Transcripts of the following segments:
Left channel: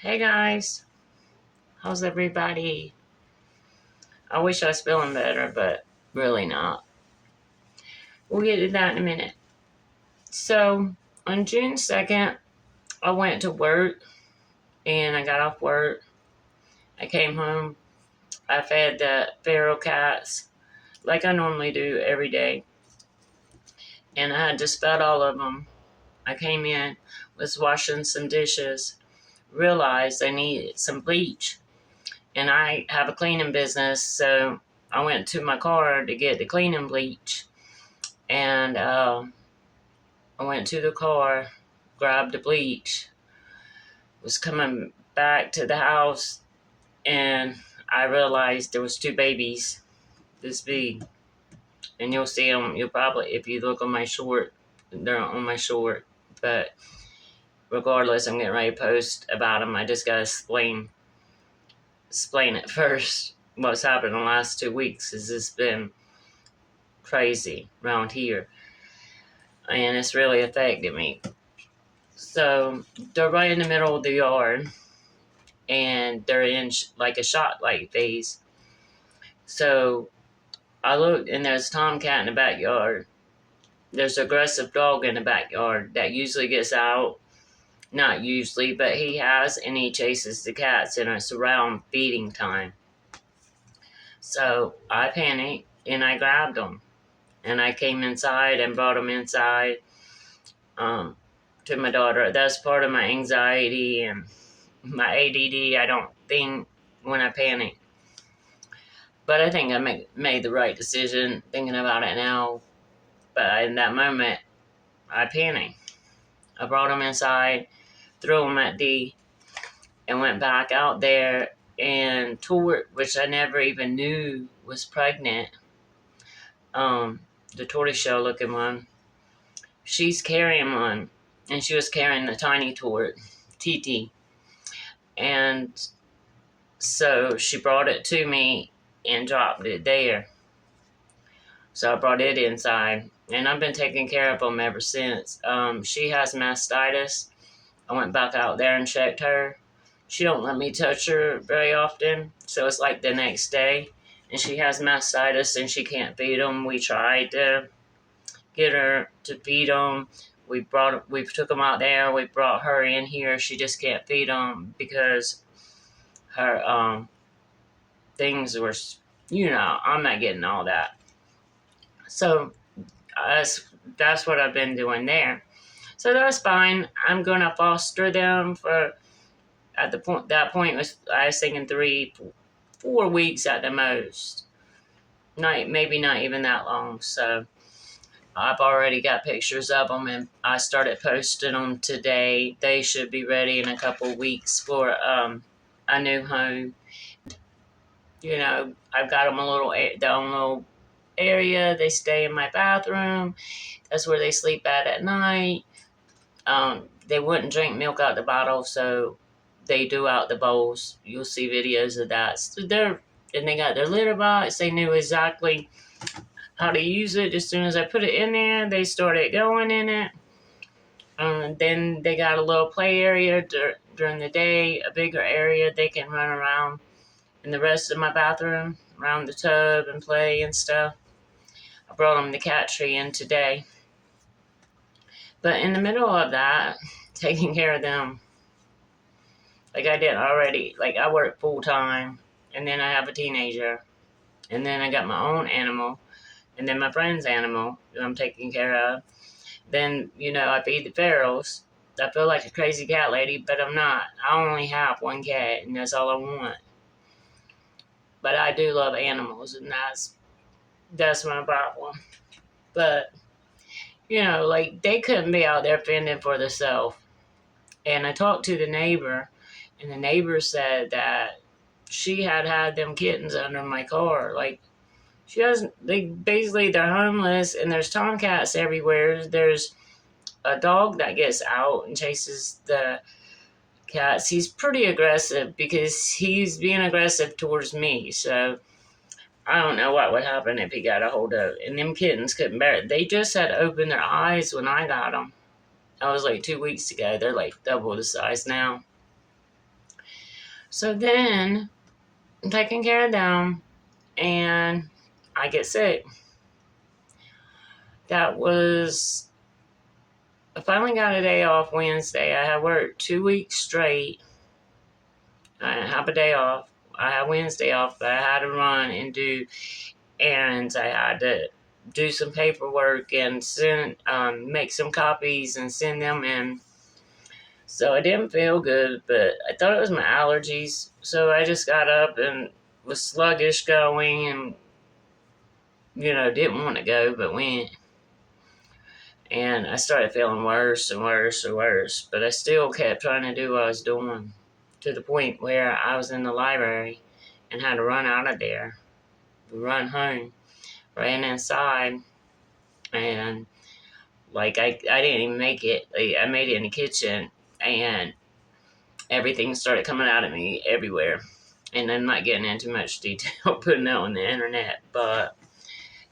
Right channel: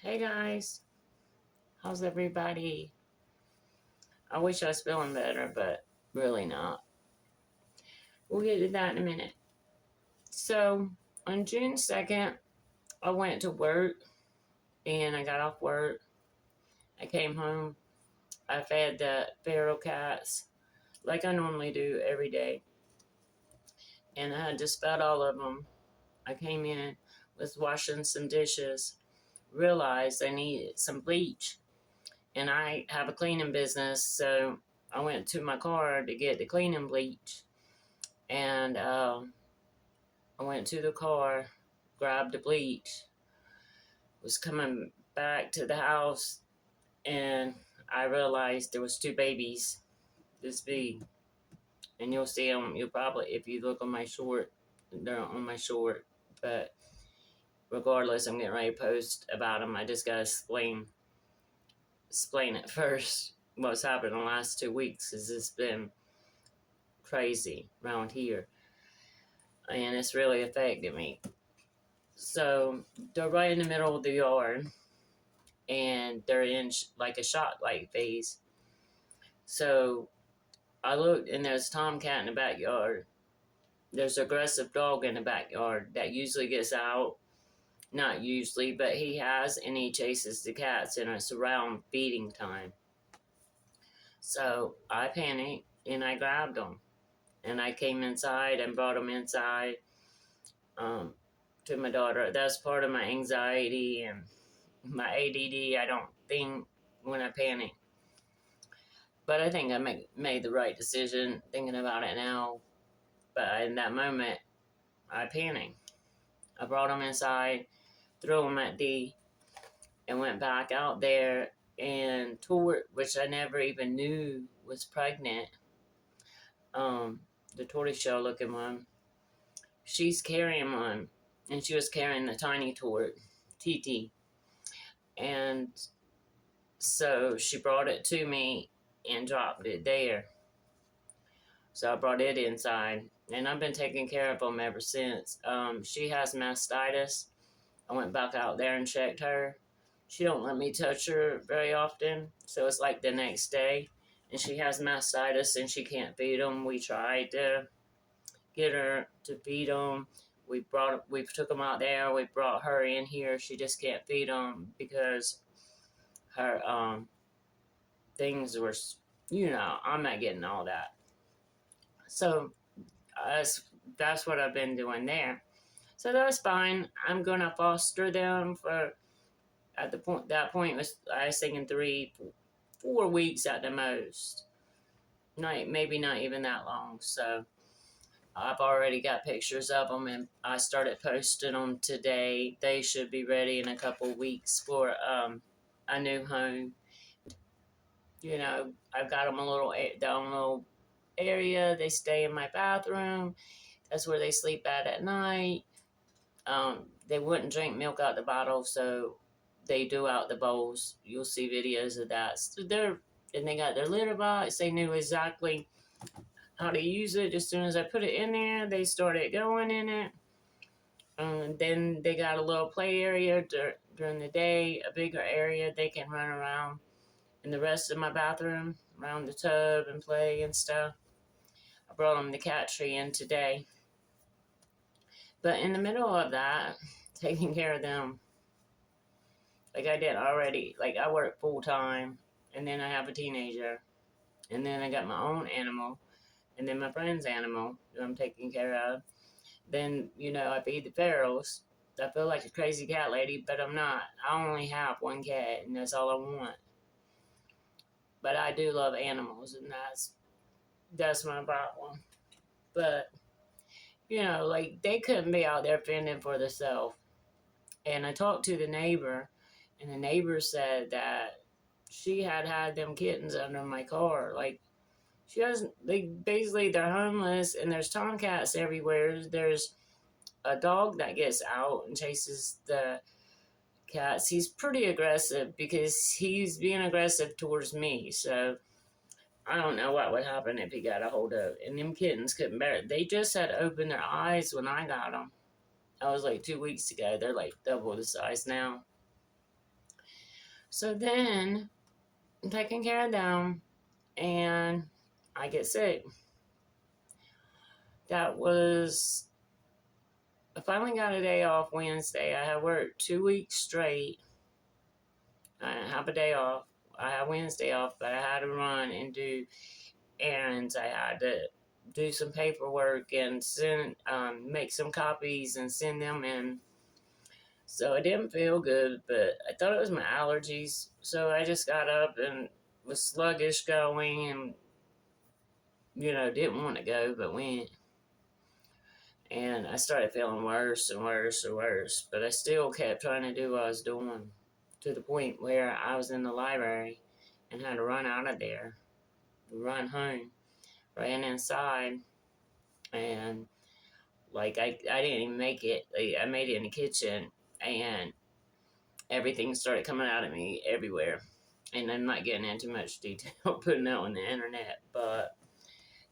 Hey guys, how's everybody? I wish I was feeling better, but really not. We'll get to that in a minute. So, on June 2nd, I went to work and I got off work. I came home. I fed the feral cats like I normally do every day, and I had just fed all of them. I came in, was washing some dishes, realized I needed some bleach, and I have a cleaning business, so I went to my car to get the cleaning bleach. And I went to the car, grabbed the bleach, was coming back to the house, and I realized there was two babies this big. And you'll see them. You'll probably, if you look on my short, they're on my short. But regardless, I'm getting ready to post about them. I just gotta explain it first. What's happened in the last 2 weeks has just been crazy around here, and it's really affected me. So they're right in the middle of the yard, and they're in like a shot light phase. So I looked, and there's a tomcat in the backyard. There's an aggressive dog in the backyard that usually gets out. Not usually, but he has, and he chases the cats, and it's around feeding time. So I panicked, and I grabbed them, and I came inside and brought them inside to my daughter. That's part of my anxiety and my ADD. I don't think when I panic. But I think I made the right decision thinking about it now. But in that moment, I panicked. I brought him inside, threw him at D, and went back out there and Tort, which I never even knew was pregnant, the tortoiseshell looking one, she's carrying one, and she was carrying the tiny Tort, TT. And so she brought it to me and dropped it there. So I brought it inside, and I've been taking care of them ever since. She has mastitis. I went back out there and checked her. She don't let me touch her very often, so it's like the next day. And she has mastitis, and she can't feed them. We tried to get her to feed them. We took them out there. We brought her in here. She just can't feed them because her things were, I'm not getting all that. So that's what I've been doing there. So that's fine. I'm gonna foster them for that point was I was thinking 4 weeks at the most. Maybe not even that long. So I've already got pictures of them, and I started posting them today. They should be ready in a couple weeks for a new home. I've got them their own little area. They stay in my bathroom. That's where they sleep at night. They wouldn't drink milk out the bottle, so they do out the bowls. You'll see videos of that. So they got their litter box. They knew exactly how to use it. As soon as I put it in there, they started going in it. Then they got a little play area during the day, a bigger area they can run around in the rest of my bathroom, around the tub and play and stuff. I brought them the cat tree in today. But in the middle of that, taking care of them, like I did already, like I work full time, and then I have a teenager, and then I got my own animal, and then my friend's animal that I'm taking care of. Then, I feed the ferals. I feel like a crazy cat lady, but I'm not. I only have one cat, and that's all I want. But I do love animals, and that's my problem. But, like they couldn't be out there fending for themselves. And I talked to the neighbor, and the neighbor said that she had them kittens under my car. Like, she doesn't, basically, they're homeless, and there's tomcats everywhere. There's a dog that gets out and chases the cats. He's pretty aggressive because he's being aggressive towards me. So I don't know what would happen if he got a hold of it. And them kittens couldn't bear it. They just had opened their eyes when I got them. I was like 2 weeks ago. They're like double the size now. So then I'm taking care of them and I get sick. That was, I finally got a day off Wednesday. I had worked 2 weeks straight. I didn't have a day off. I had Wednesday off, but I had to run and do errands. I had to do some paperwork and send, make some copies and send them in. So I didn't feel good, but I thought it was my allergies. So I just got up and was sluggish going and, didn't want to go, but went. And I started feeling worse and worse and worse, but I still kept trying to do what I was doing to the point where I was in the library and had to run out of there, run home, ran inside, and I didn't even make it. I made it in the kitchen, and everything started coming out of me everywhere. And I'm not getting into much detail putting that on the internet, but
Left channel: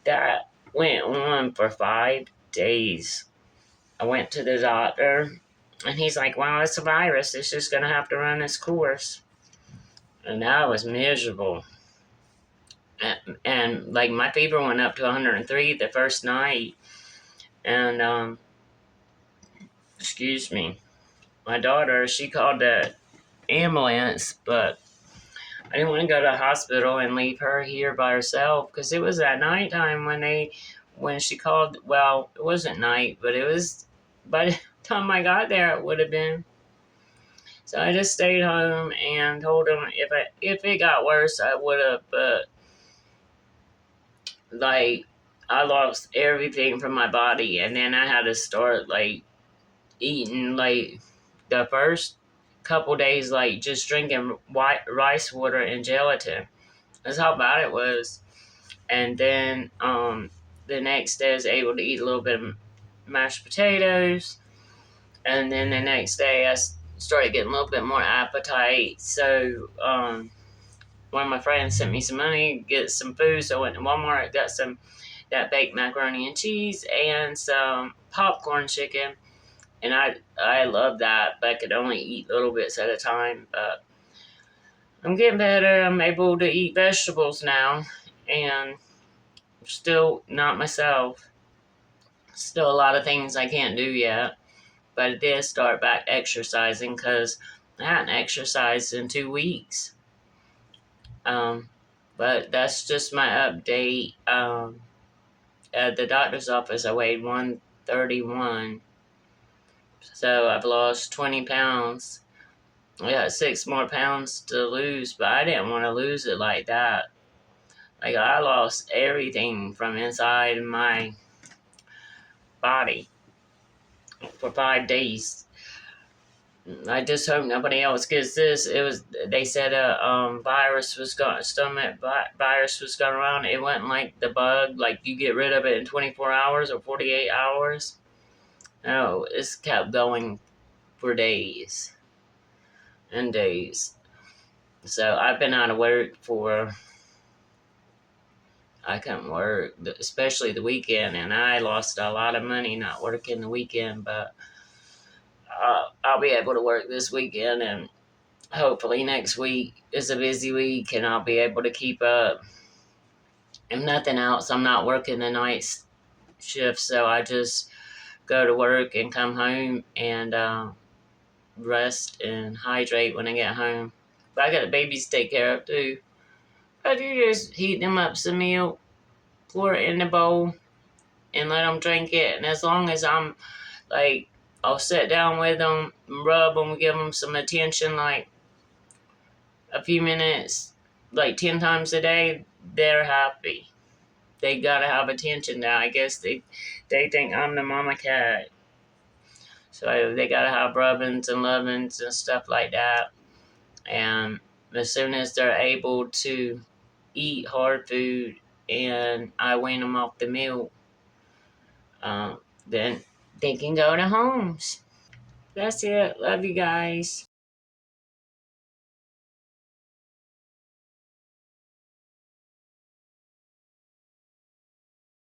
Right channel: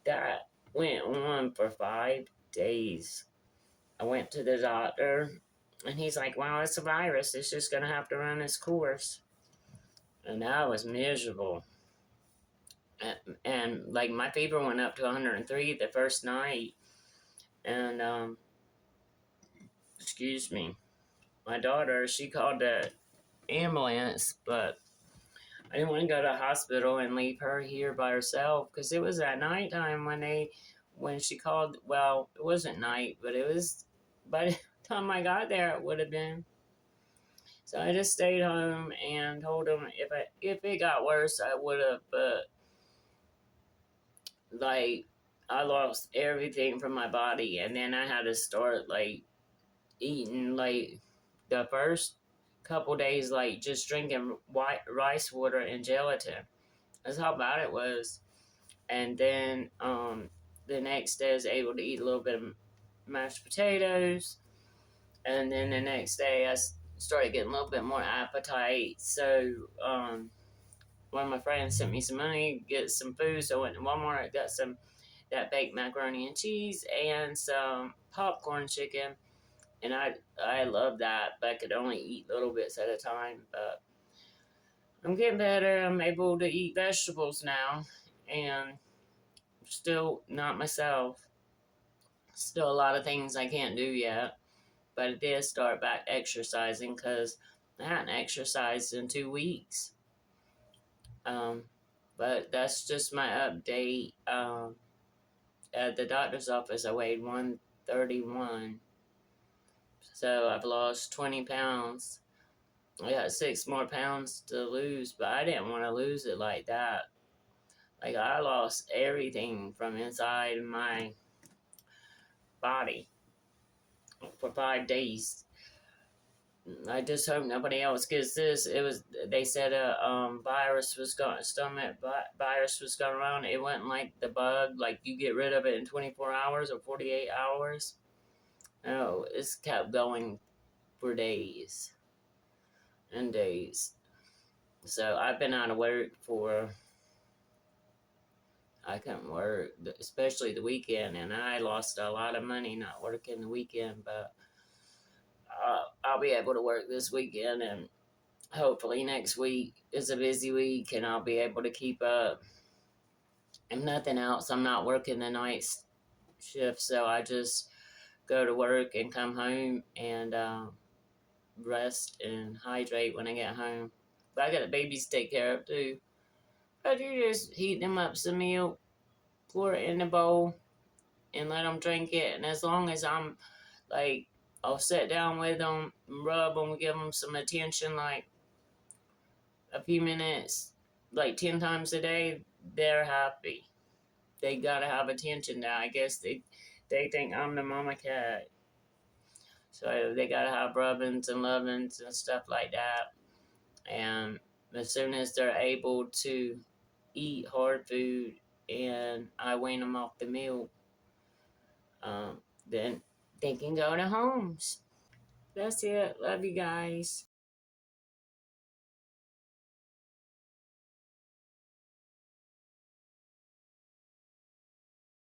that went on for 5 days. I went to the doctor, and he's like, "Well, it's a virus. It's just gonna have to run its course." And I was miserable. And like my fever went up to 103 the first night, and excuse me, my daughter, she called the ambulance, but I didn't want to go to the hospital and leave her here by herself because it was at nighttime when she called. Well, it wasn't night, but it was by the time I got there, it would have been. So I just stayed home and told him if it got worse, I would have. But like I lost everything from my body, and then I had to start like eating like the first couple days, like just drinking white rice water and gelatin. That's how bad it was. And then the next day I was able to eat a little bit of mashed potatoes, and then the next day I started getting a little bit more appetite. So one of my friends sent me some money to get some food, so I went to Walmart, got some that baked macaroni and cheese and some popcorn chicken, and I love that, but I could only eat little bits at a time. But I'm getting better. I'm able to eat vegetables now, and still not myself. Still a lot of things I can't do yet, but I did start back exercising because I hadn't exercised in 2 weeks. Um, but that's just my update. At the doctor's office, I weighed 131, so I've lost 20 pounds. I got 6 more pounds to lose, but I didn't want to lose it like that. Like, I lost everything from inside my body for 5 days. I just hope nobody else gets this. They said a virus was going, stomach virus was going around. It wasn't like the bug, like you get rid of it in 24 hours or 48 hours. No, it's kept going for days and days. So I've been out of work I couldn't work, especially the weekend, and I lost a lot of money not working the weekend, but I'll be able to work this weekend, and hopefully next week is a busy week, and I'll be able to keep up. If nothing else, I'm not working the night shift, so I just go to work and come home and rest and hydrate when I get home. But I got the babies to take care of too. But you just heat them up some milk, pour it in the bowl, and let them drink it. And as long as like, I'll sit down with them, rub them, give them some attention, like a few minutes, like 10 times a day, they're happy. They gotta have attention now. I guess they think I'm the mama cat. So they gotta have rubbings and lovings and stuff like that. And as soon as they're able to eat hard food and I wean them off the milk, then they can go to homes. That's it. Love you guys.